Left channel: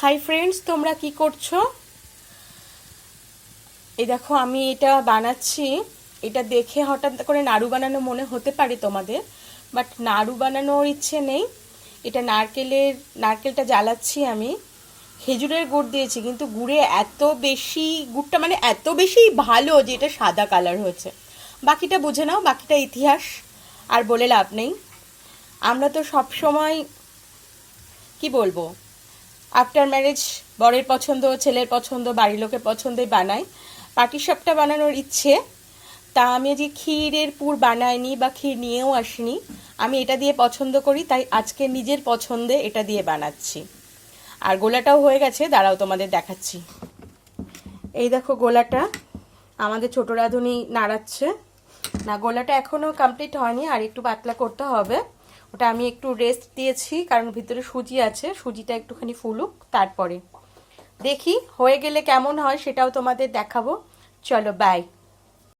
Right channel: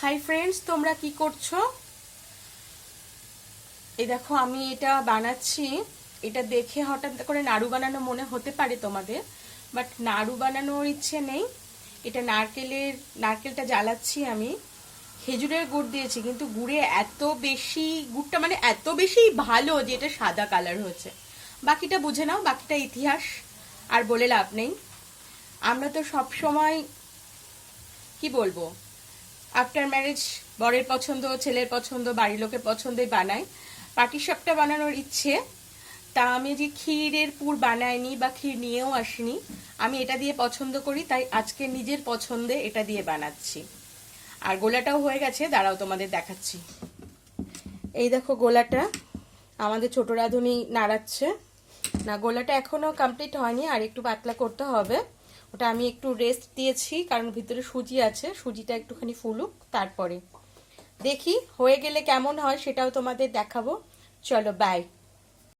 Hi friends, তোমরা কি করছো? এই দেখো আমি এটা বানাচ্ছি। এটা দেখে হঠাৎ করে নাড়ু বানানো মনে হতে পারে তোমাদের, বাট নাড়ু বানানোর ইচ্ছে নেই। এটা নারকেলটা জ্বালাচ্ছি আমি। খেজুরের গুড় দিয়েছি, কিন্তু গুড়ে এত বেশি, গুড়টা মানে এত বেশি ভালো যে এটা সাদা কালার হয়েছে। বাকিটা বুঝে নাও, বাকিটা ইতিহাস, আর বলে লাভ নেই। আমরা তো সব সময় কি বলবো, আফটার ম্যারেজ বরের পছন্দ, ছেলের পছন্দ, বাড়ির লোকের পছন্দে বানাই। পাটিসাপটা বানানোর ইচ্ছে, তা আমি যে ক্ষীরের পুর বানাইনি বা ক্ষীর নিয়েও আসিনি। আমি এটা দিয়ে পছন্দ করি, তাই আজকে নিজের পছন্দে এটা দিয়ে বানাচ্ছি। আর গোলাটাও হয়ে গেছে, দাঁড়াও তোমাদের দেখাচ্ছি। এই দেখো গোলাটা আমাদের ছোট রাঁধুনি নাড়াচ্ছে। না, গোলাটা এখনো কমপ্লিট হয়নি, আর একটু পাতলা করতে হবে। ওটা আমি একটু রেস্ট দিয়েছি, কারণ ভিতরে সুজি আছে, সুজিটা একটুখানি ফুলুক, তারপরে দেখি হয়ে গেলে কেমন হয় সেটাও তোমাদের দেখাবো। চলো বাই।